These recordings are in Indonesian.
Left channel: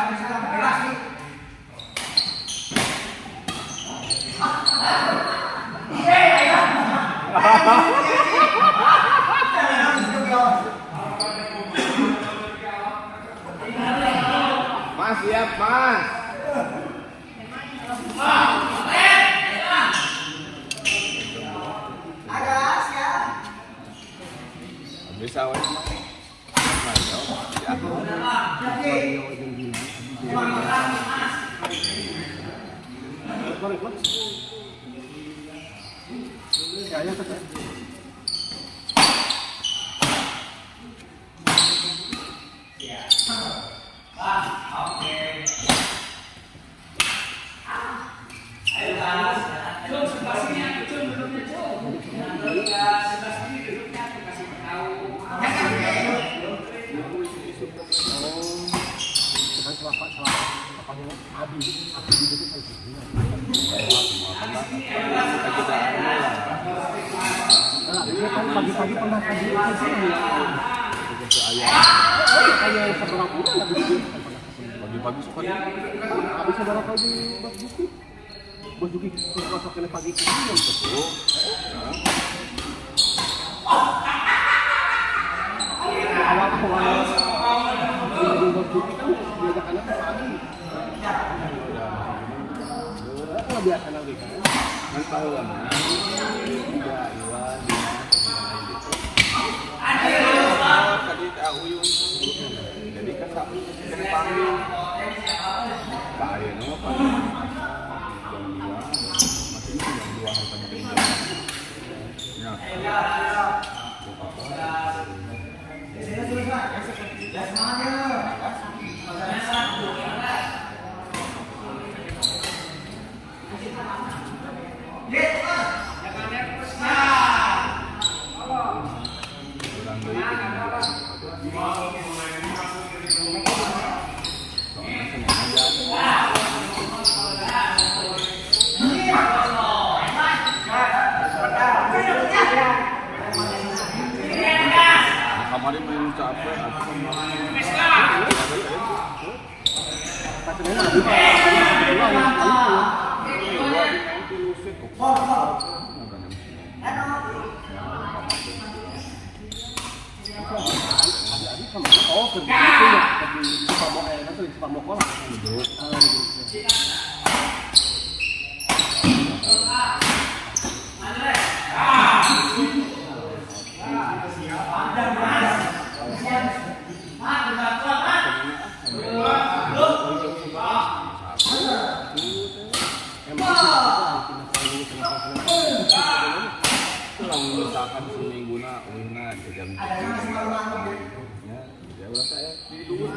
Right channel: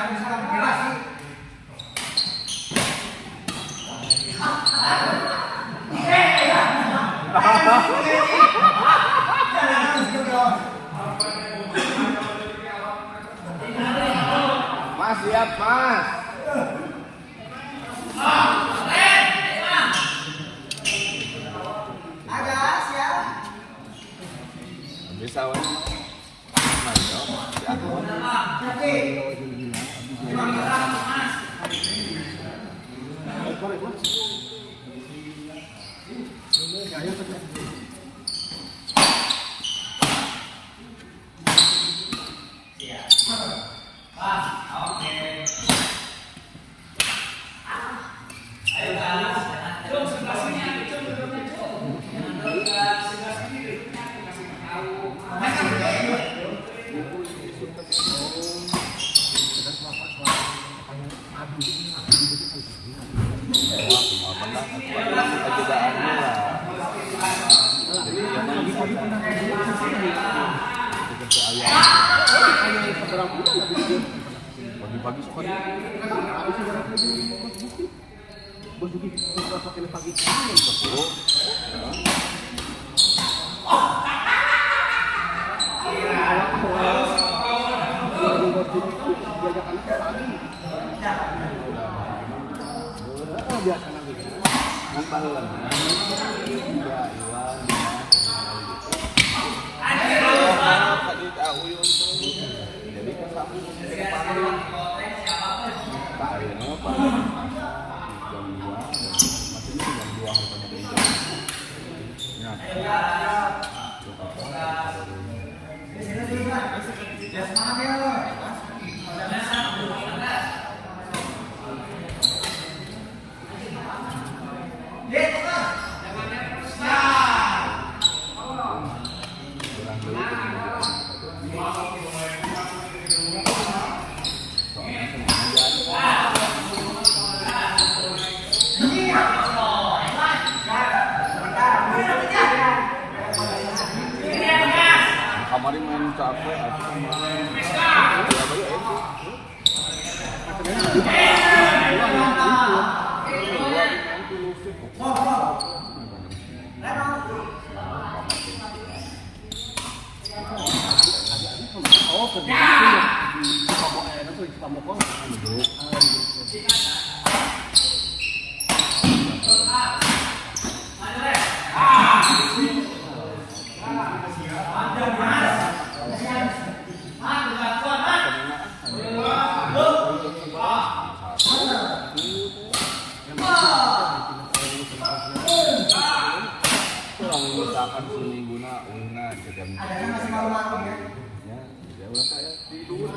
Mas siap mas. Agak siap. Bisa wes. Pagi-pagi suka nih. Habis saudara pagi Bos Juki masakin pagi itu jam 10. Biasa lagi. Kan tahu kan. Tidak Iwan. Tadi tahu yung jadi kan tak panggil tak ini apa jam 2 masih jam 2 harus sama dia kemarin main capek aku misalkan seminggu na uina jam ya udah saya tidur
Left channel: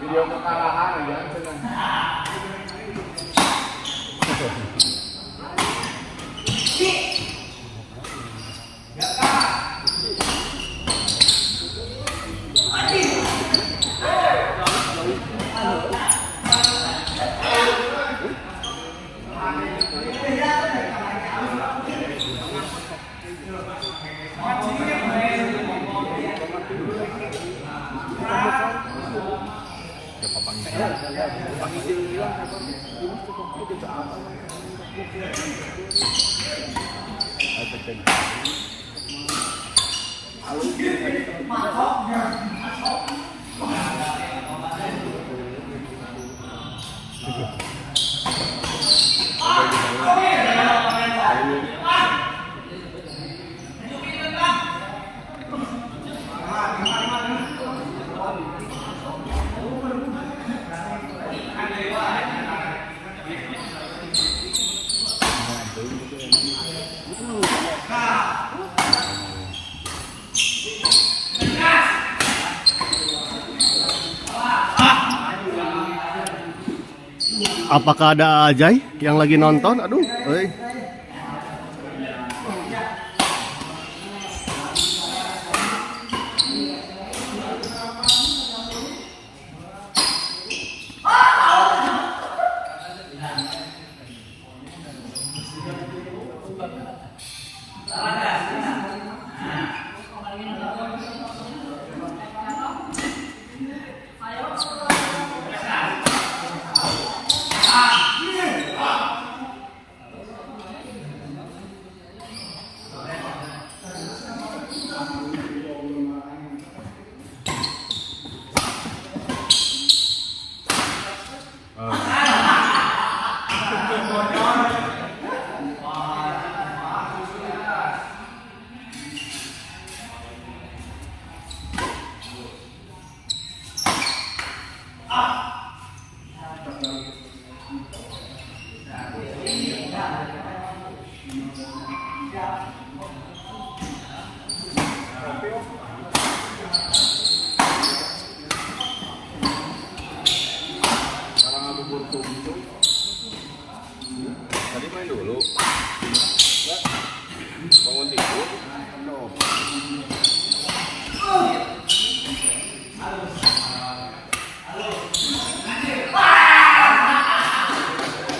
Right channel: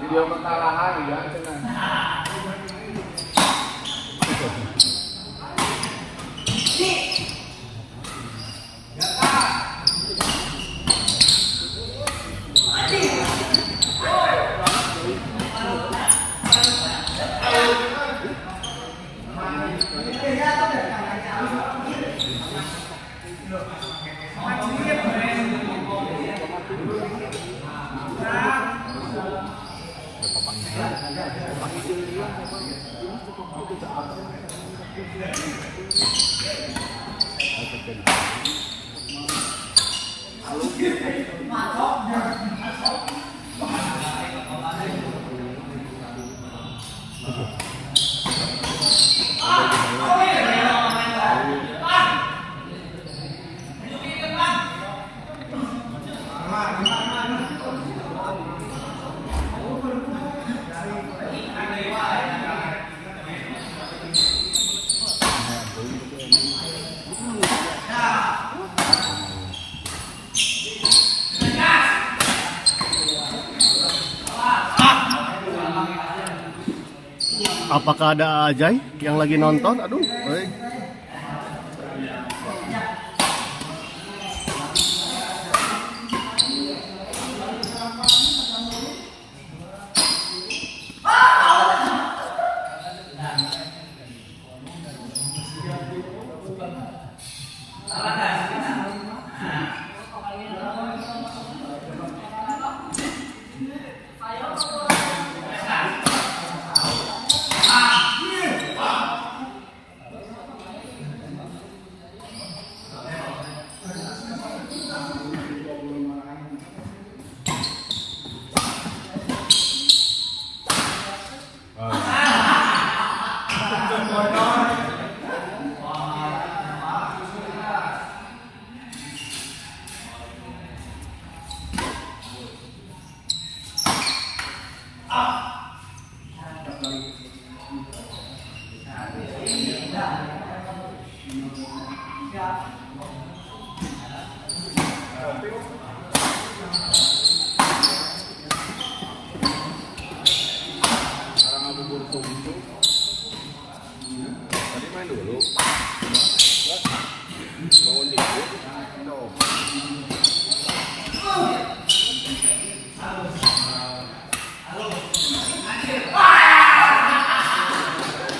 video perkarahan ya Apakah ada Ajay yang lagi nonton? Aduh, tadi main dulu. Bangun tidur.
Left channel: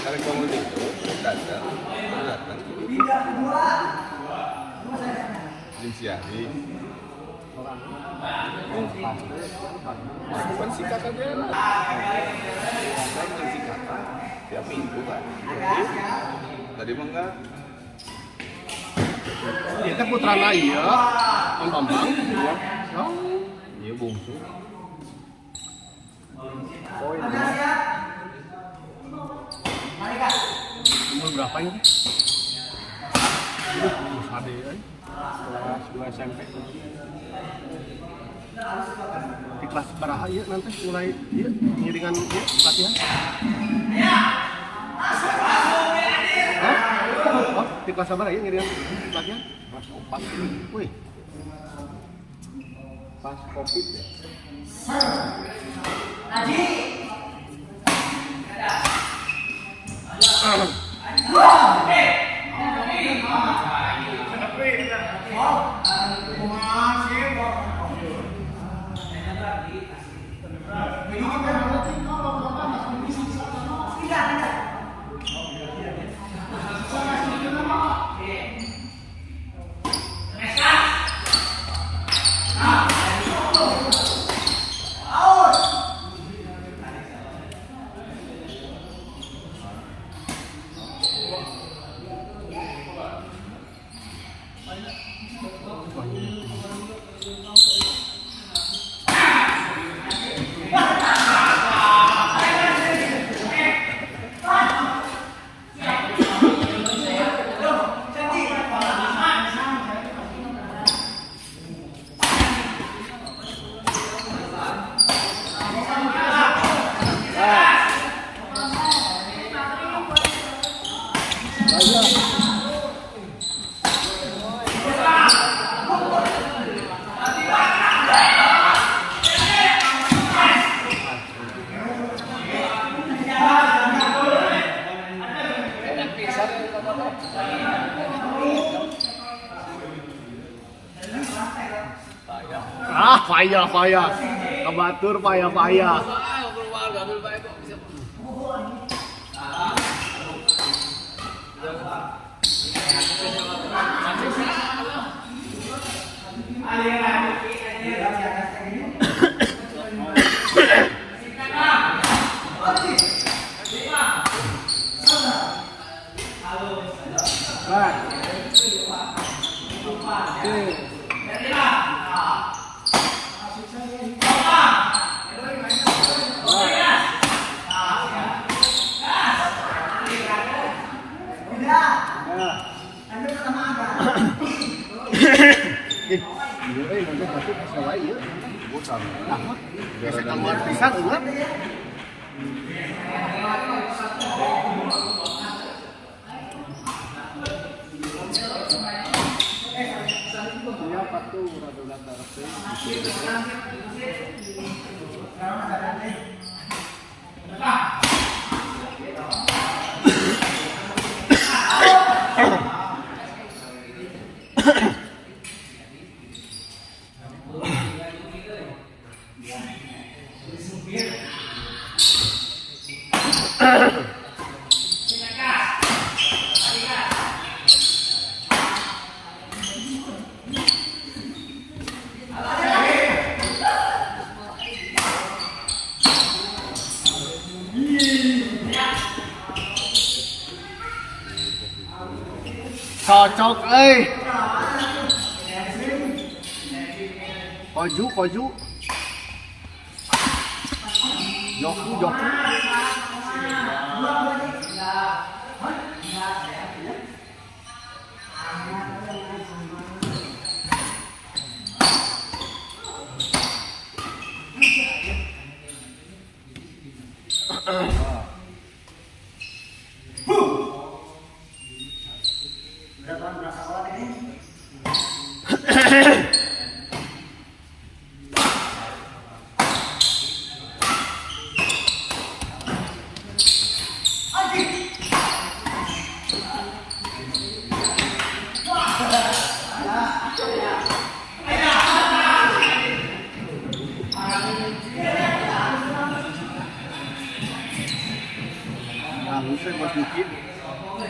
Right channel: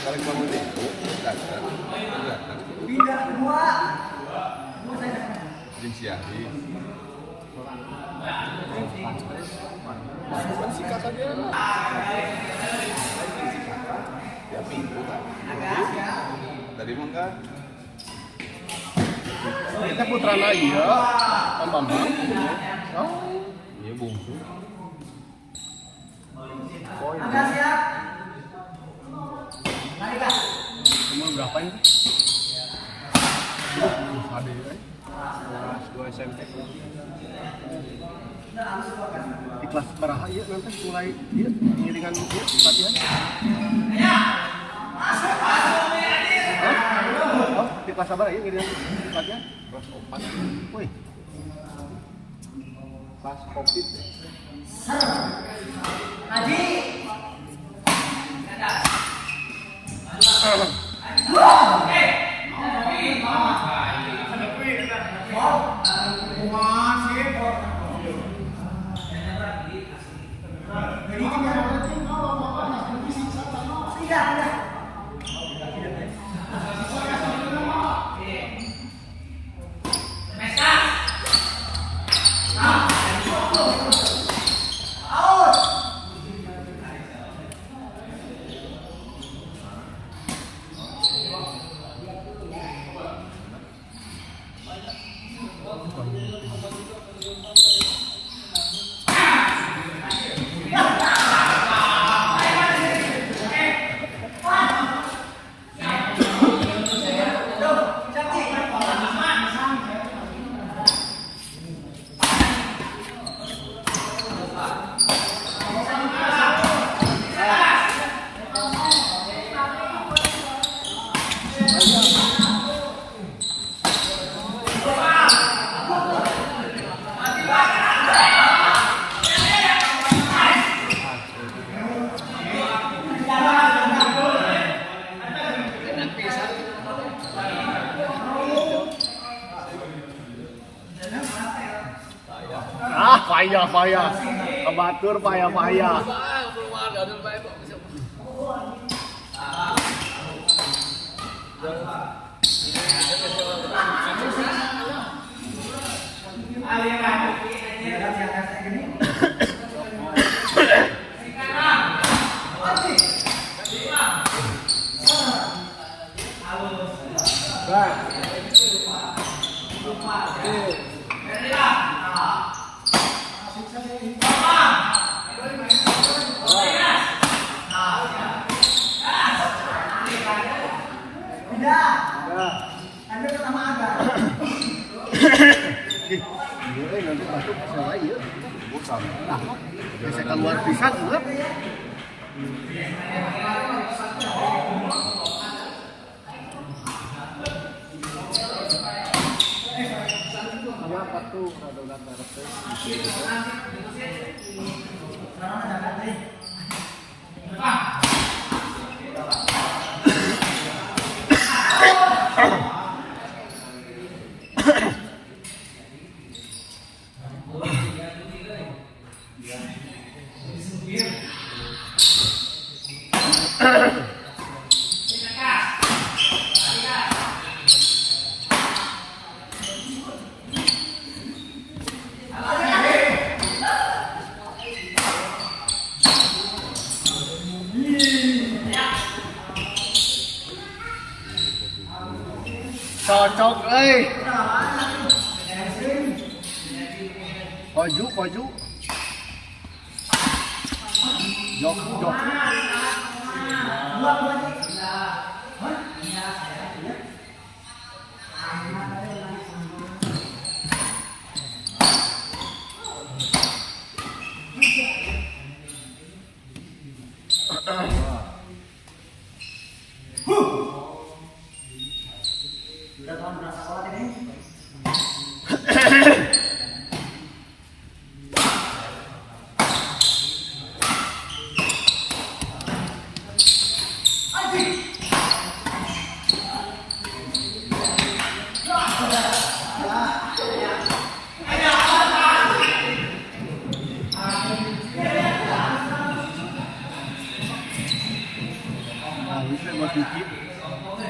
Kali bangun tidur, datang. Linsiahi. Bukan sikat aja lah. Tiap minggu kan. Tadi mah enggak. Kita putra lagi ya. Kan bambu. Iya bungsu. Agak siap. Mari Kak. Umur berapa ini? HD ya. Kelas 2 SMP. Di kelas berapa ya nanti mulai ya ngiringan ya latihan? Oh, di kelas berapa ya ngiringan latihan? Kelas 4. Wih. Pas Covid ya. Tadi. Payah. Kebatur payah. Nanti masuk salah ya. Bukan. Gesekan luar pisang juga. Siapa tuh rada-rada resep. Sekarang ada Cocok, Koju. Joku.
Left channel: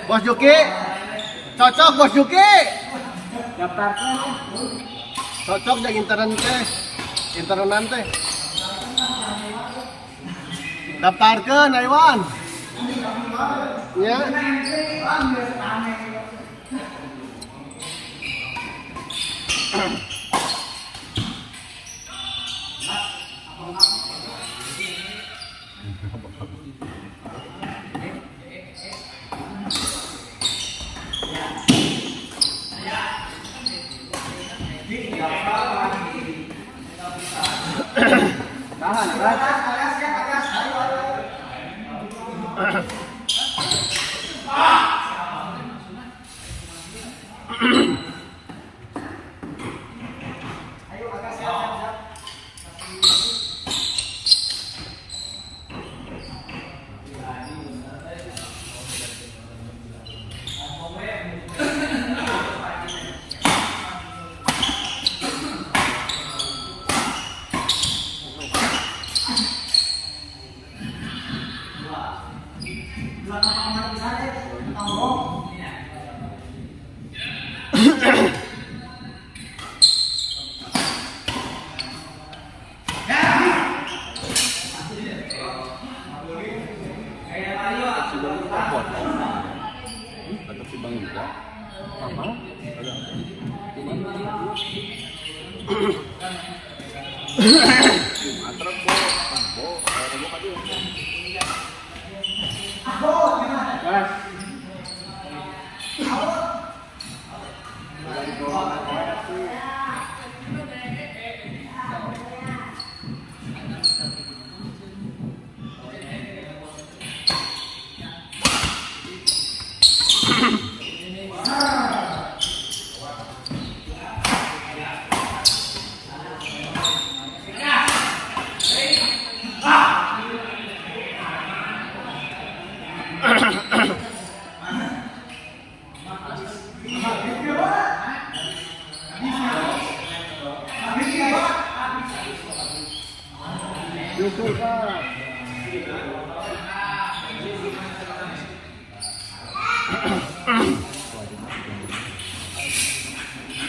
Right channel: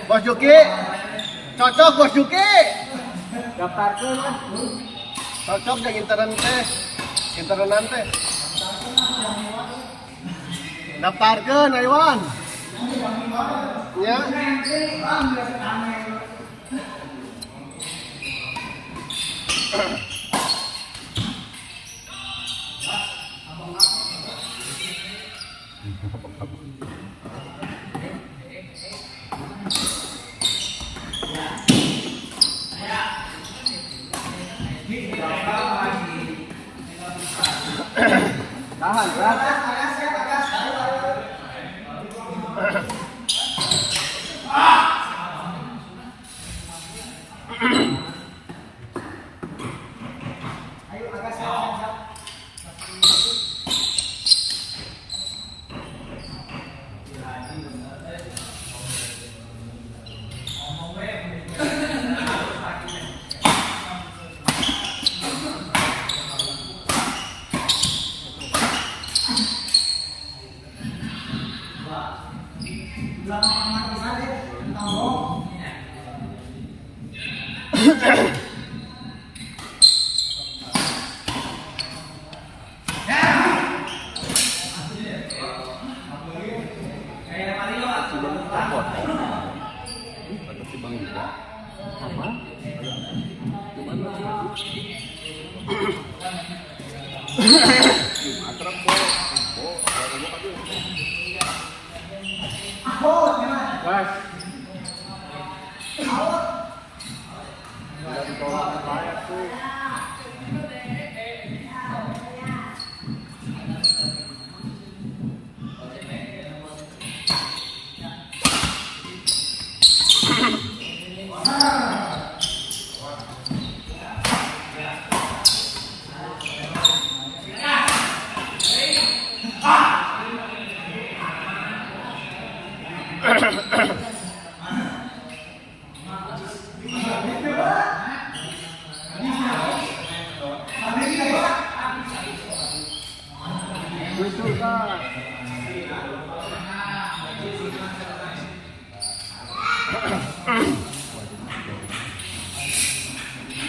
Bos Juki, cocok Bos Juki. Daftarkan. Cocok yang internet teh. Daftarkan Aiwan. Ya. Tahan, kan? Apa?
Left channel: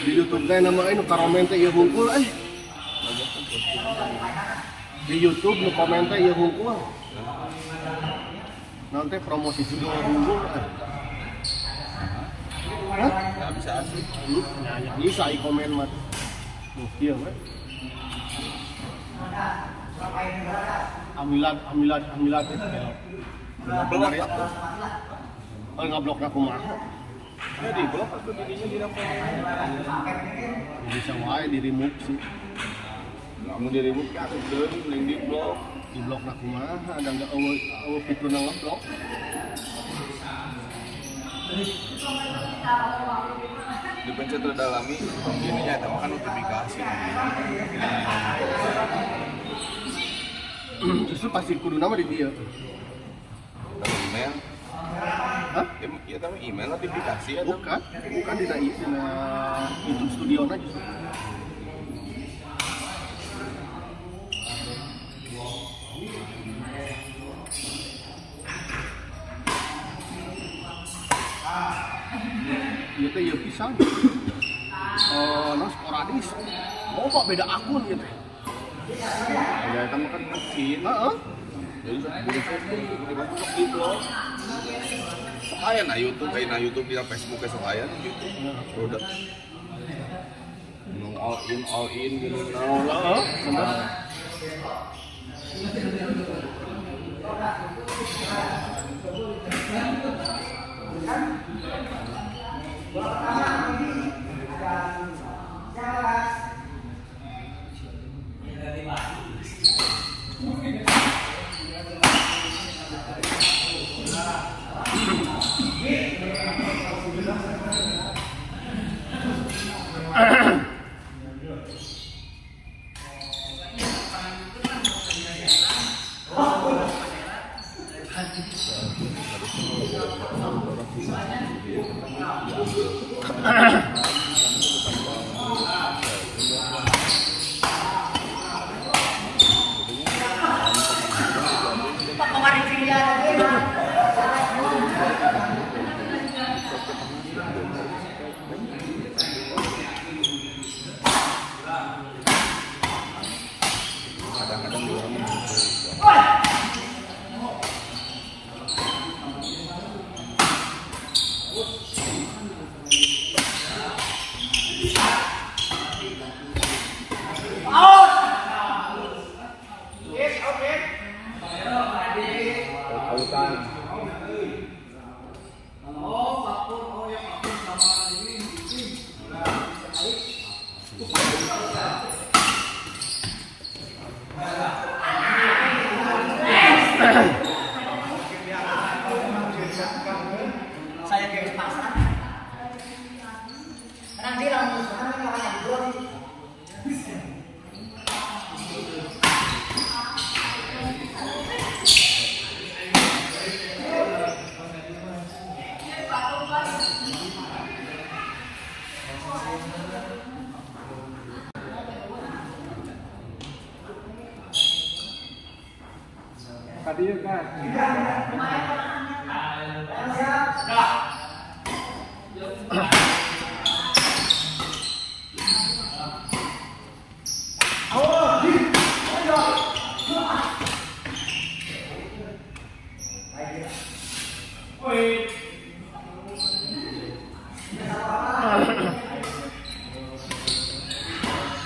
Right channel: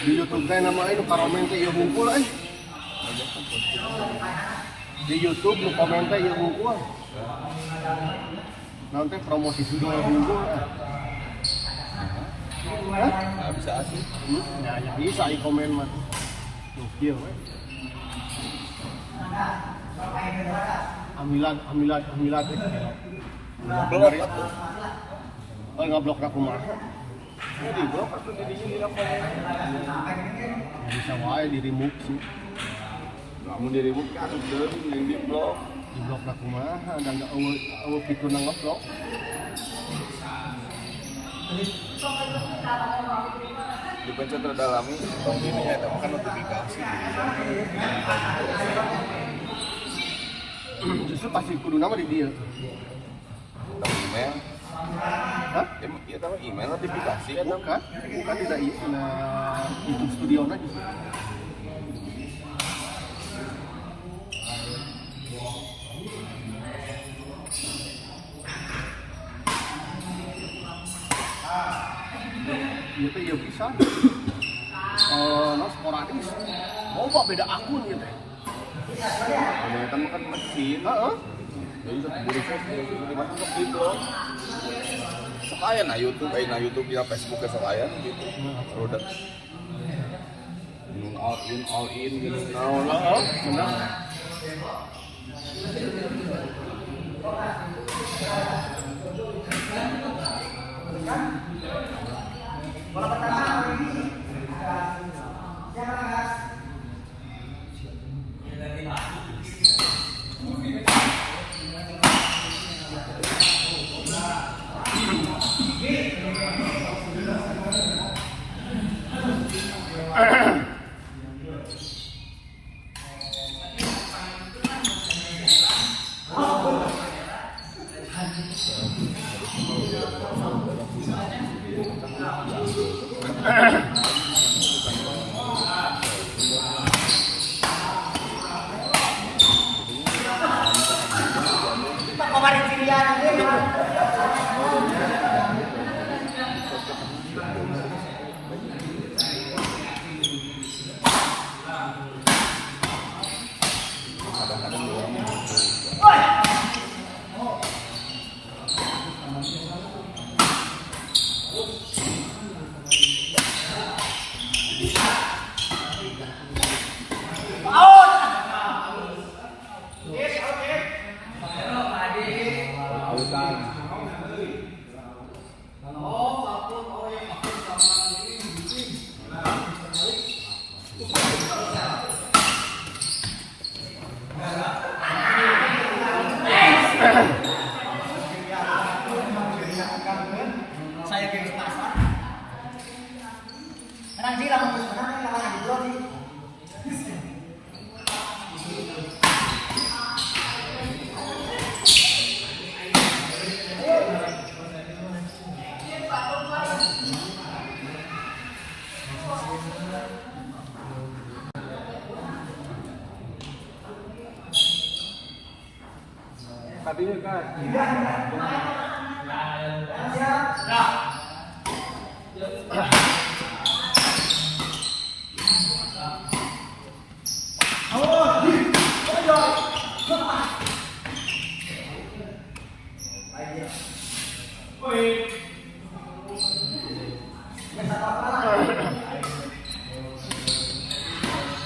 Di YouTube teh nama ini komen teh ieu hungkul Di YouTube nu komen teh ieu hungkul. Nanti promosi video hungkul. Bisa asli. Bisa i komen mah. Tuh, ieu we. Amilat. Blok ya. Ngablok aku mah. Ya di blok atau jadinya di laptop. Bisa wae di remove sih. Kamu di remove ya atuh di blok. Di blok aku mah ada enggak eueuh fitur nang blok. Dipencet terdalami, tong ininya itu kan notifikasi. Justru pasti kudu nama di dia. Dari email. Hah? Ya tahu email notifikasi ya tahu. Bukan tidak YouTube studio aja justru. Iya teh iya pisang. Mas sporadis. Loba beda akun gitu. Ya kan makan mesin. Heeh. Jadi buru-buru masuk di blok. Sekalian na YouTube, di Facebook ke sekalian YouTube. Udah. All in gitu. Lah, bener. Saya ke pasar. Nanti langsung ke sana langsung di blog sih. Tadi kan.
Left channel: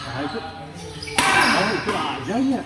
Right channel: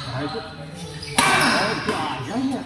Nah, itu aja ya.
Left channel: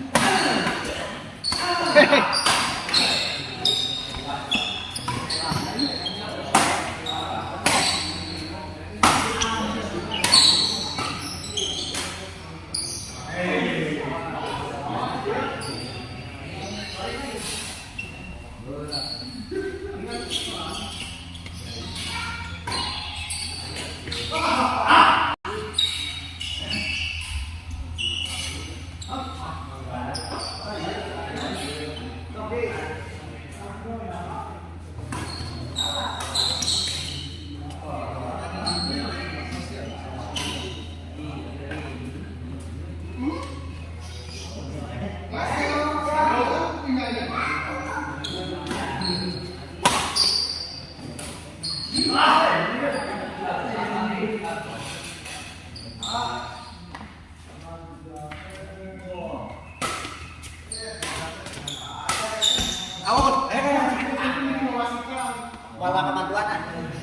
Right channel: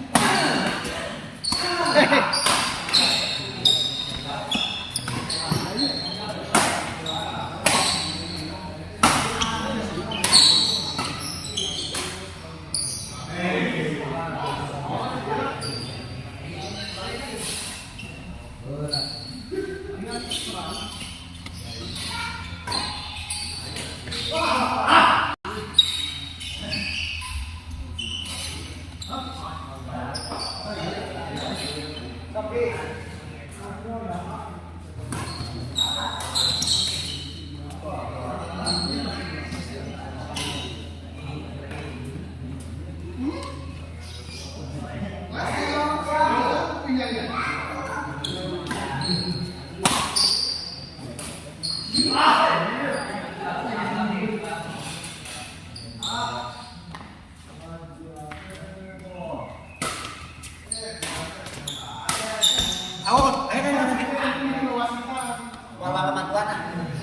Walau kemampuan ah.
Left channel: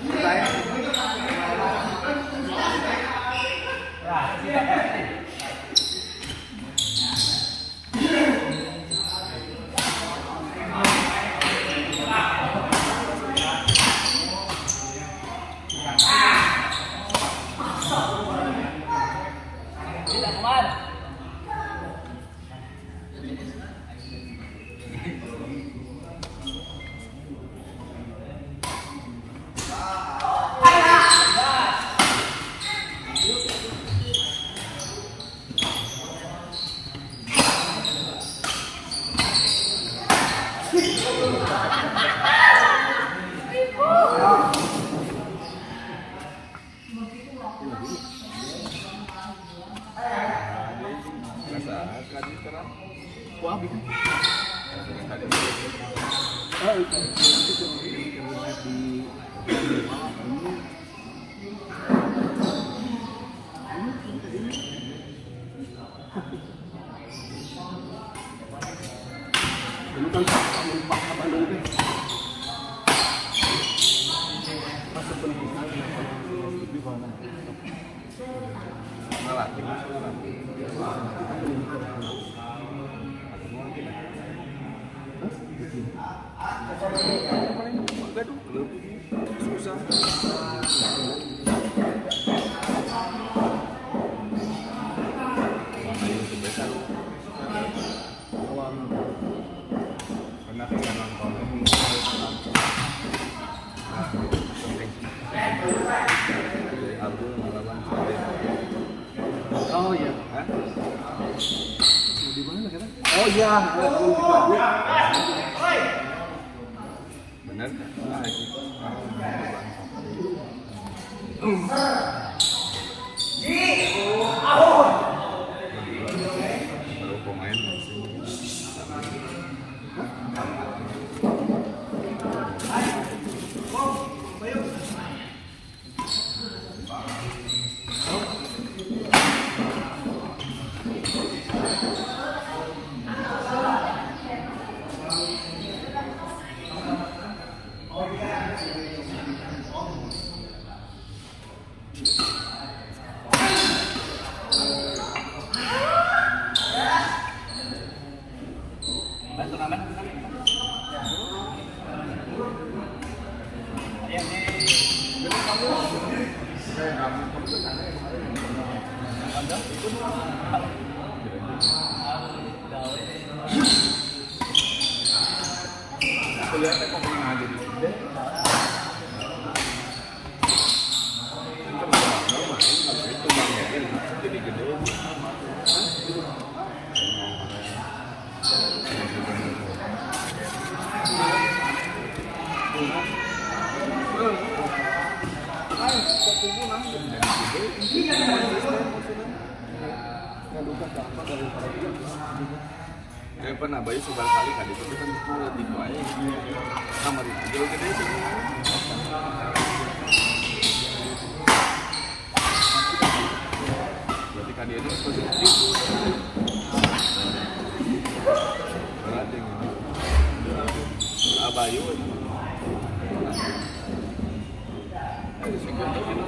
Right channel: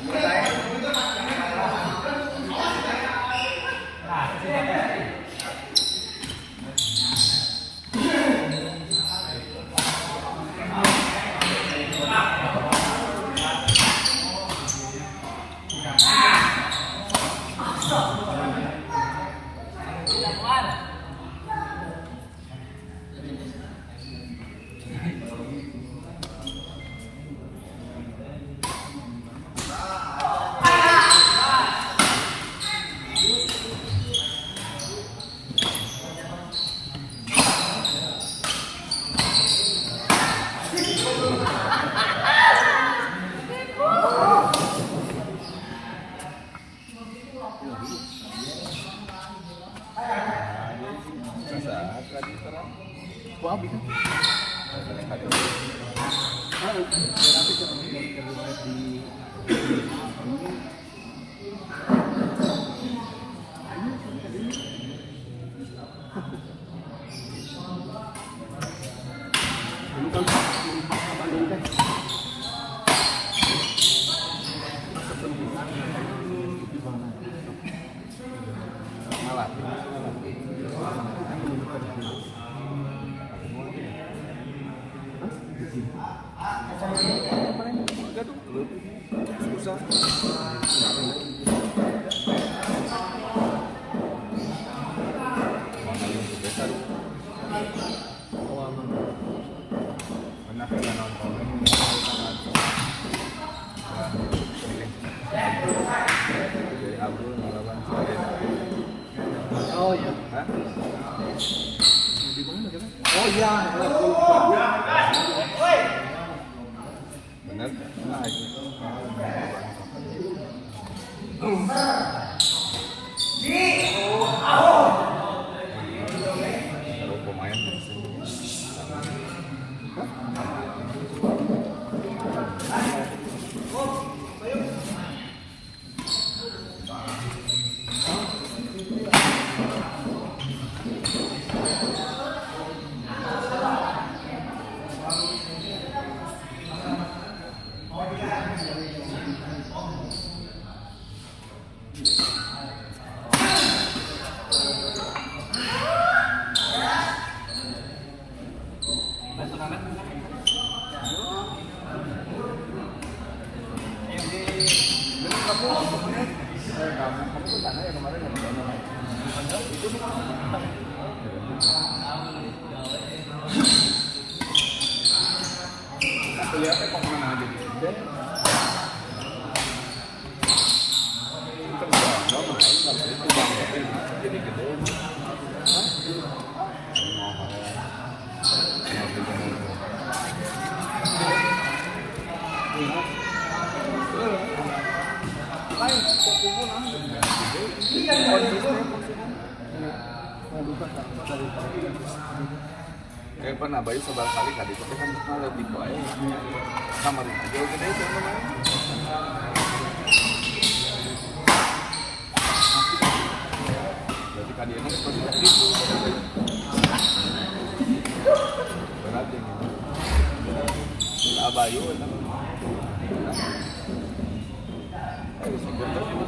Baik. Wah, bisa. Ini kan Bandung teh. Enggak tuh lebih susah. Besar. Karena kita nonton Abdul melawan Oh iya. Hah? Di mana kan? Oh iya. Benar kan? Nah, itu. Kalau pemain kelihatan kok menang aja di sini. Itu bang jadi gede. Kayak pernah bayi sebar kali tadi tapi kan kalau di kuai kamar itu jauh gede itu. Berarti kali ini positif. Berat ini. Abayu. Ada sebentar ini.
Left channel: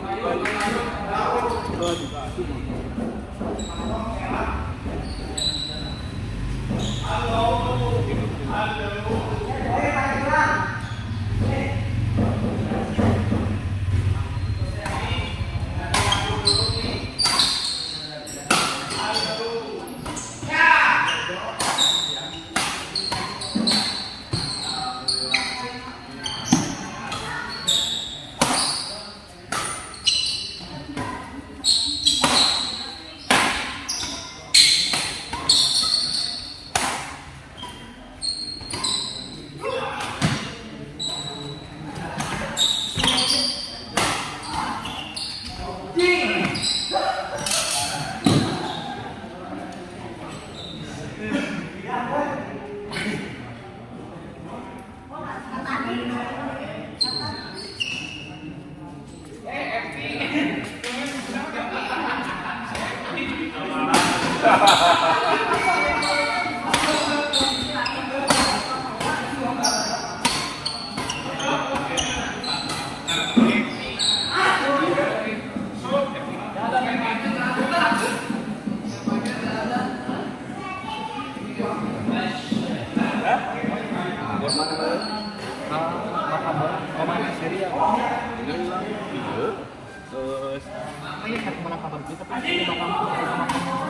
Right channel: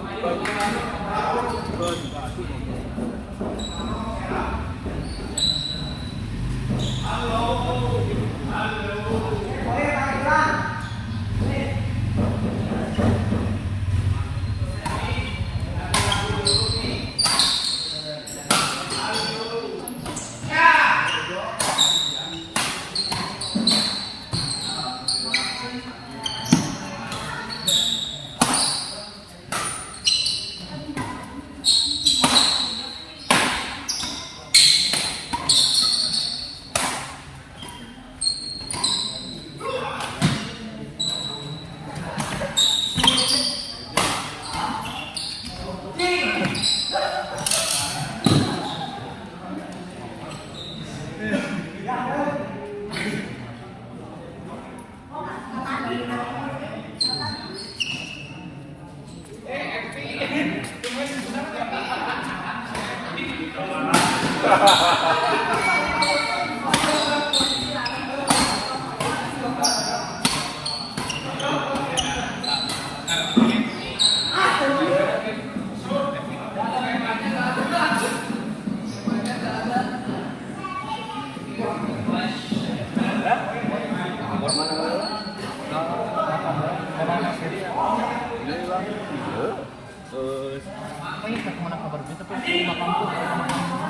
Oh iya, saya kemana kabar berita tapi di bakal tuh sama kamu.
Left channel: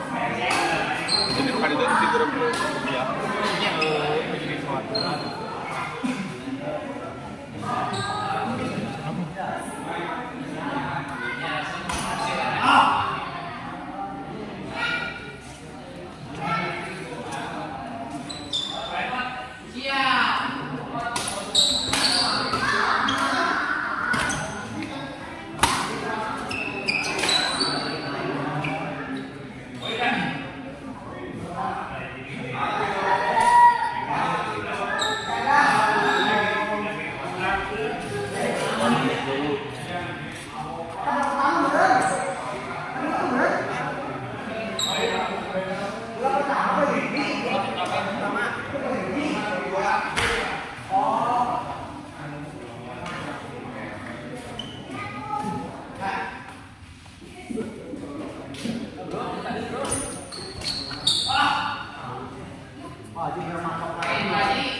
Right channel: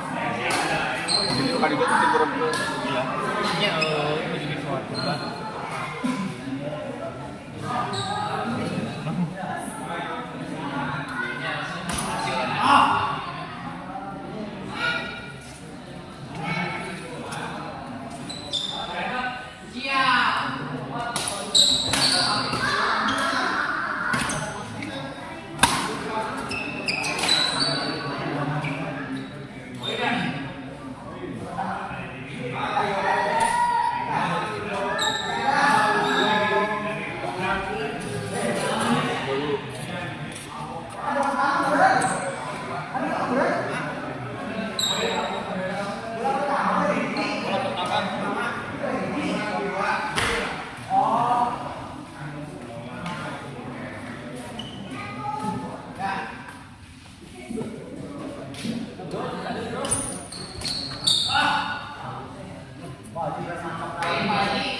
Jadi kan itu di grup Iya. Iya, jadi sesuatu. Wah, juga mantap kali.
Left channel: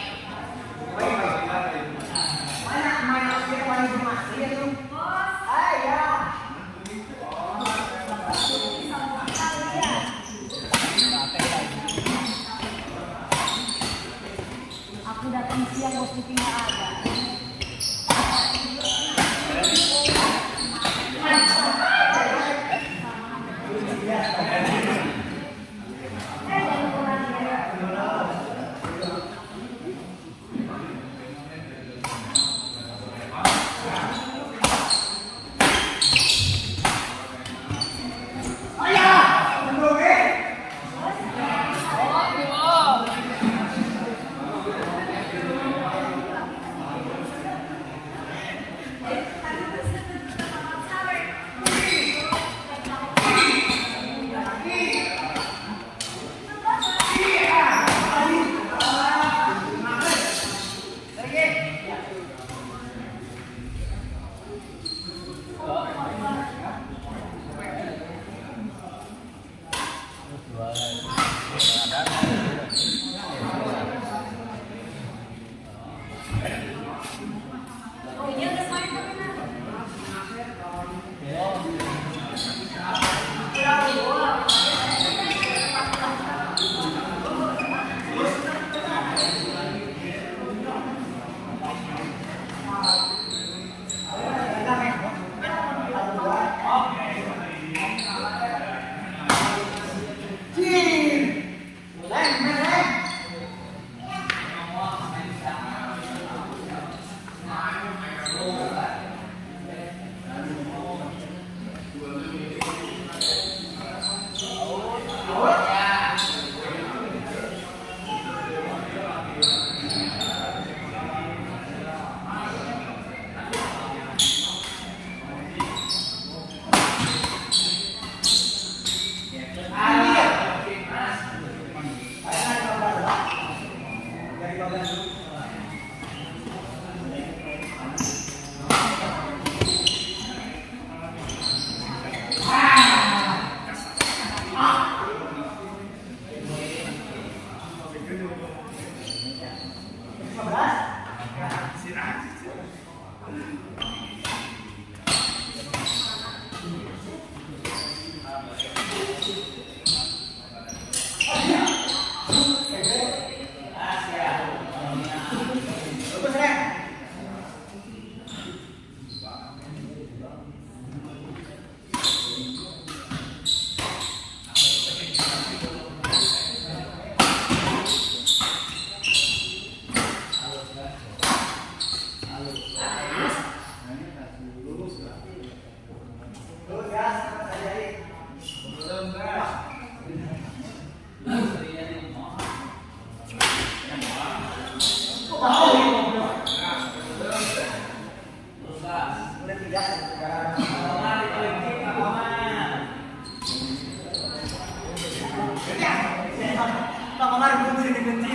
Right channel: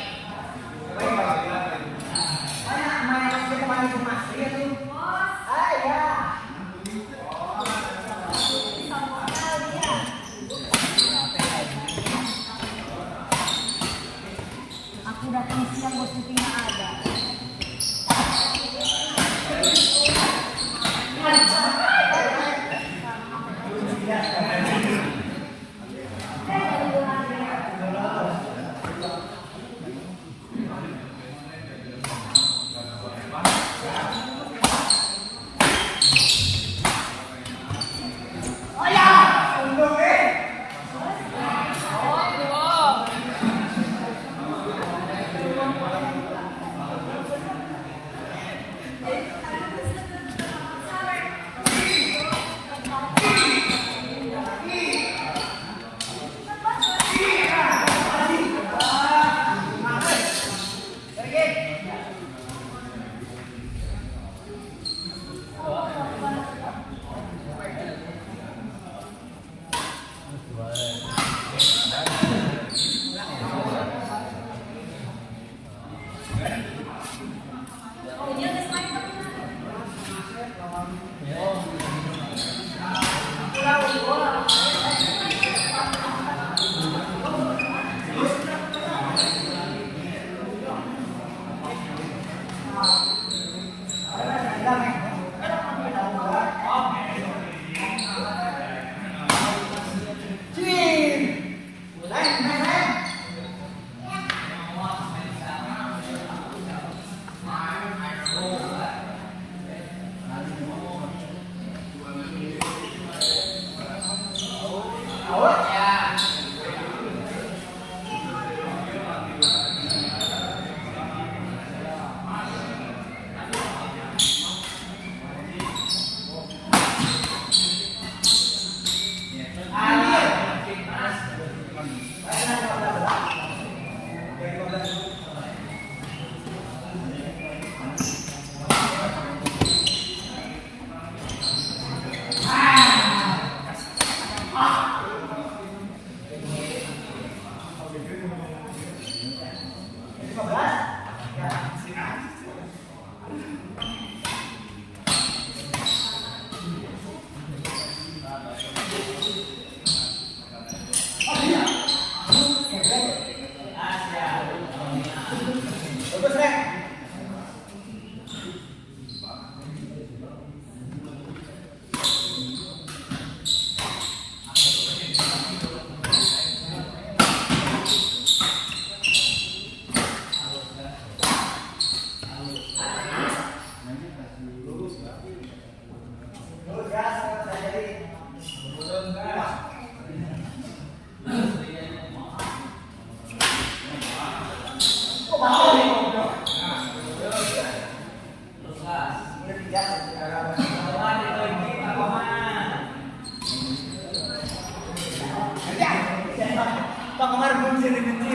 Bang Komar belum sini benci.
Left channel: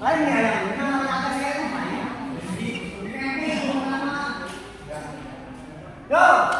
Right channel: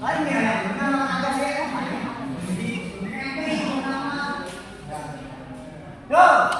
Lain ya, mana ada saya main. Yo.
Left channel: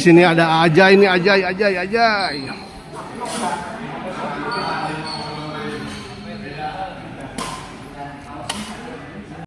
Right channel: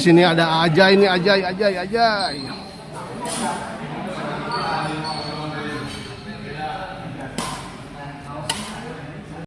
Sini ada Ajay ini, Ajay.